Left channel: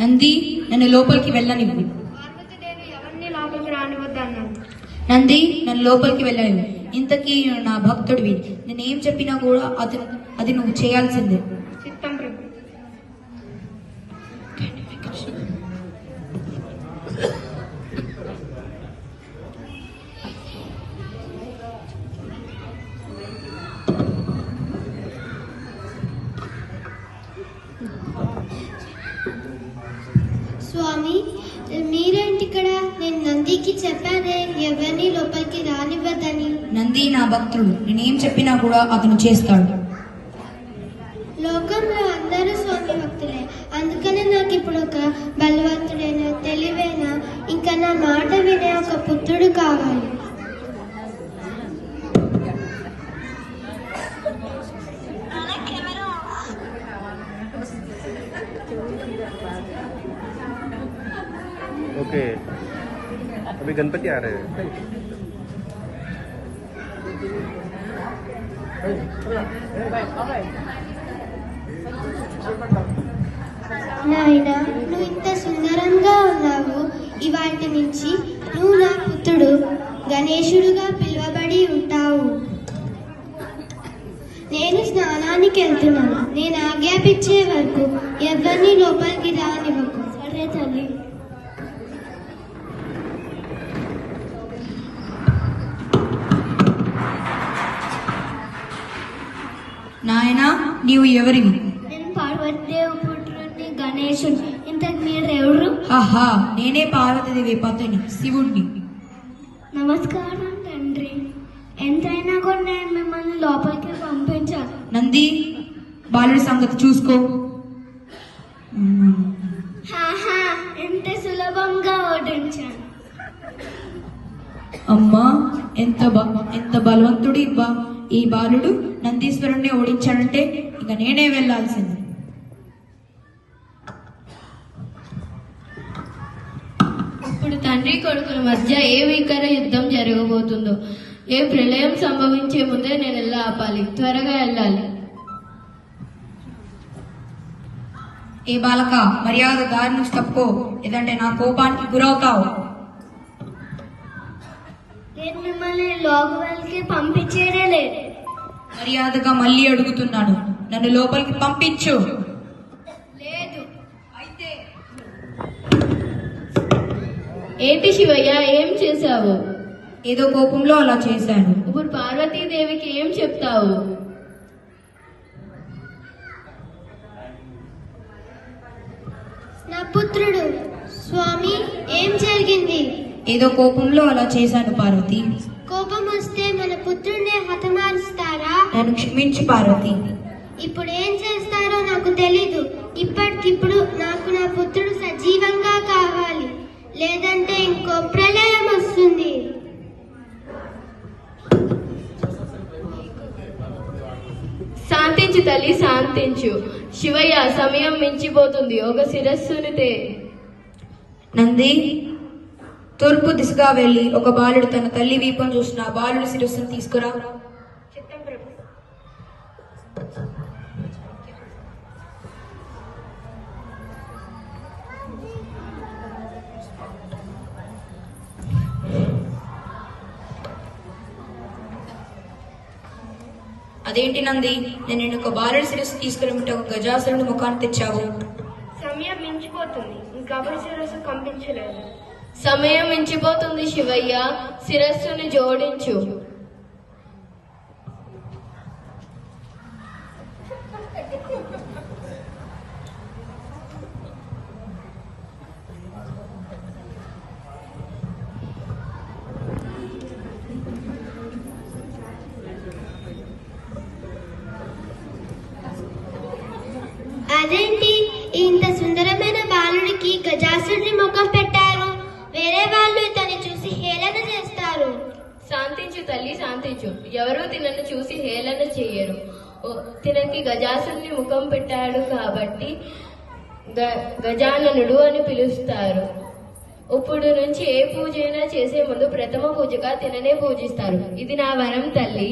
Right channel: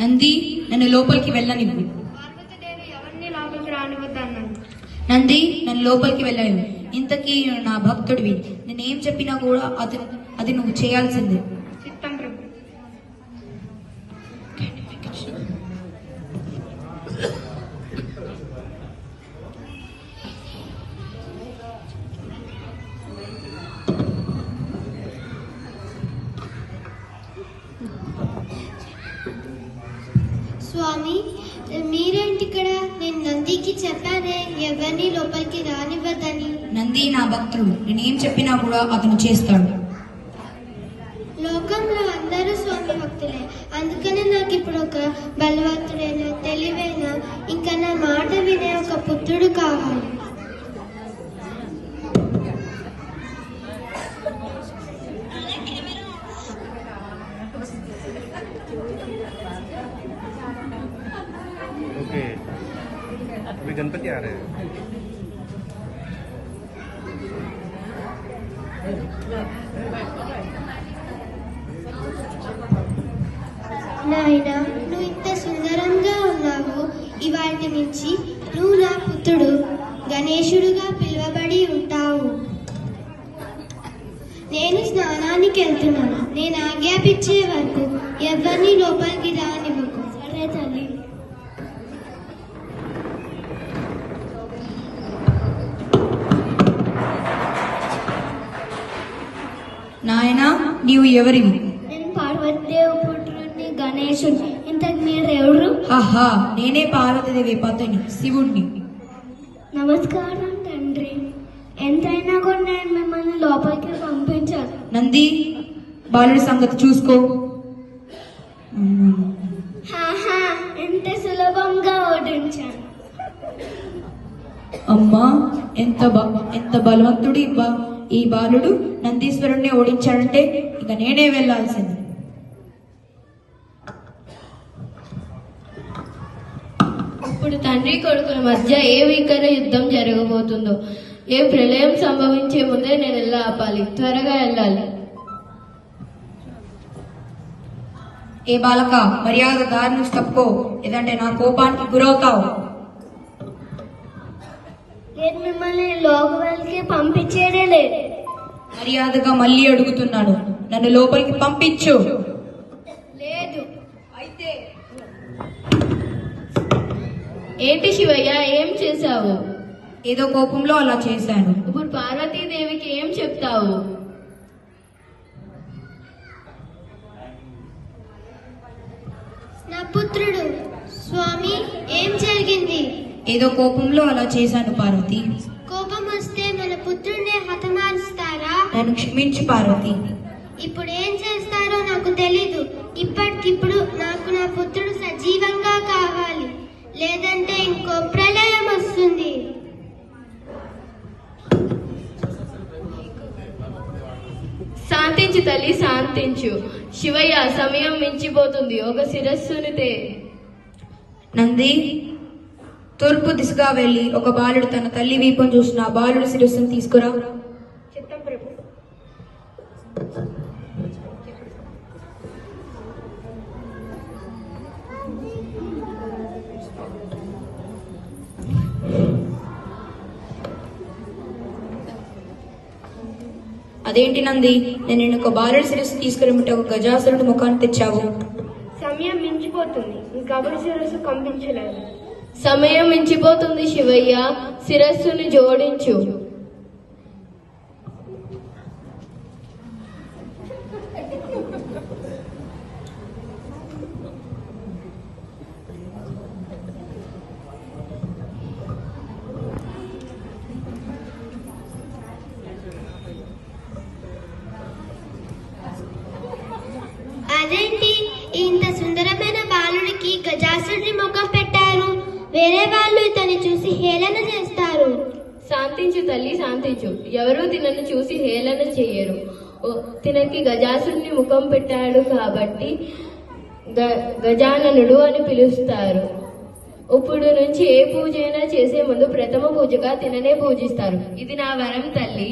నంది నన్ను లోపలికి వెళ్ళనివ్వు. పార్వతీదేవి ఎవరిని లోపలికి రానివద్దన్నాడు. నంది నన్ను లోపలికి వెళ్ళనివ్వు. ఇంతకీ నా భక్తుడివి, నేనేం చెప్పినా కూడా అది నువ్వు చేయాల్సిందే. చిత్తం ప్రభు. స్వామి, మీరేంటి ఇక్కడ? నేను నందికి చెప్పానే ఎవరిని లోపలికి రానివ్వద్దని. నంది నా భక్తుడు, నేనేం చెప్పినా కూడా అతను చేస్తాడు. లోకంలో అందరూ స్వామి భక్తులే, అందుకనే నాకు ఇప్పుడు ఒక బలవంతుడైన తెలివైన ఇంకా నా మాట వినే ఒక పుత్రుడు కావాలి. ओके, अभी गणपति आ रहे हैं. నాయనా, నువ్వు ఇంత సుందరంగా ఉన్నావు. ఇవాటి నుంచి నువ్వు నా పుత్రుడు గణేశుడుగా పిలువబడి ఉంటావు. నేను స్నానానికి వెళ్తున్నాను. నేను ఆజ్ఞాపించే వరకు ఎవరిని లోపలికి రానివ్వకు. సరే తల్లి. నాయనా, నీవు ఎవరివి? నేను పార్వతీదేవి పుత్రుడిని గణేశుడు. ఇంతకు మీరెవరు? ఆహా, నేనే పార్వతీదేవి పతిని, శివుణ్ణి. నమస్కారం తండ్రి. ఎంతైనా కూడా నేను మిమ్మల్ని లోపలికి పంపించాను. నంది, బాలుడి సంగతి చూసుకో. హాహా, ఎంత సులభంగా ఓడించాను. అమ్మా, ఎంత బలవంతుడు ఈ బాలుడు. నందీశ్వరుణ్ణి ఓడించాడంటే ఇక నేనే వెళ్లాల్సింది. ఇప్పుడు తండ్రి కొడుకుల మధ్య ఏ భీకర యుద్ధం జరగబోతుందో, ఏ ప్రళయం సంభవించే ముందే నేను ఎలా ఆపాలి? త్వరగా వెళ్ళాలి. ఏ బాలక, మర్యాద దారి నుంచి తప్పుకో, లేదంటే నా కోపానికి గురవుతావు. నేను మిమ్మల్ని లోపలికి పంపించేదే లేదు. మర్యాదగా మళ్ళీ అడుగుతున్నాను, నన్ను లోపలికి పంపించు. లేదు. అయితే ఏంటి శివయ్య, ఏం చేశావు? ఏదో కోపంలో అలా చేశాను. ఇప్పుడు పార్వతీదేవికి ఏం చెప్తావు? నా పుత్రుడు. స్వామి, ఏం జరిగింది? ఏదో కోపంలో అలా చేశాను పార్వతి. కోపం వస్తే మన పుత్రుడిని హతమారుస్తారా? నన్ను క్షమించు పార్వతి. ఇప్పుడు ఏం చేస్తారో నాకు తెలీదు. ఇప్పటికిప్పుడు నాకు నా పుత్రుడు సజీవంగా కావాలి, లేదంటే ఇంకో ప్రళయం వస్తుంది. శాంతించు తల్లి, శాంతించు. శివయ్య, సమయం మించిపోతుంది. ఒక శిరస్సుని నంది, తూర్పు దిశగా వెళ్లి ఒక బాలుడు తన తల్లి వీపును చూసిన ఆ బాలుడి శిరస్సును తీసుకురా. చిత్తం ప్రభు. అదేంటి నంది, నేను ఒక బాలుడి శిరస్సు తీసుకురమ్మంటే ఒక గజాసురుడి ముఖాన్ని తెచ్చావు. సమయం మించిపోతుంది, ఇంకెవరి శిరస్సు కంపించలేదు. సమయం మించిపోతుంది శివయ్య, శిరస్సుని జోడించు. అదేంటి, ఇంత సుందరమైన బాలుడికి గజాసుడి ముఖం పెట్టారు? వేరే వాళ్ళు ఇతన్ని చూసి హేళన చేస్తారు. శాంతించు తల్లి, శాంతించు. ఎవరూ తినను చూసి హేళన చెయ్యరు. తినకి గజాసుని ముఖం పెట్టాడు కాబట్టి గజాననుడు అని పిలుస్తారు. ఇప్పుడు నుంచి ఏ పూజ అయినా చేసే ముందు ప్రథమ పూజగా తిననే పూజిస్తారు. ఇది నా వరం తల్లి.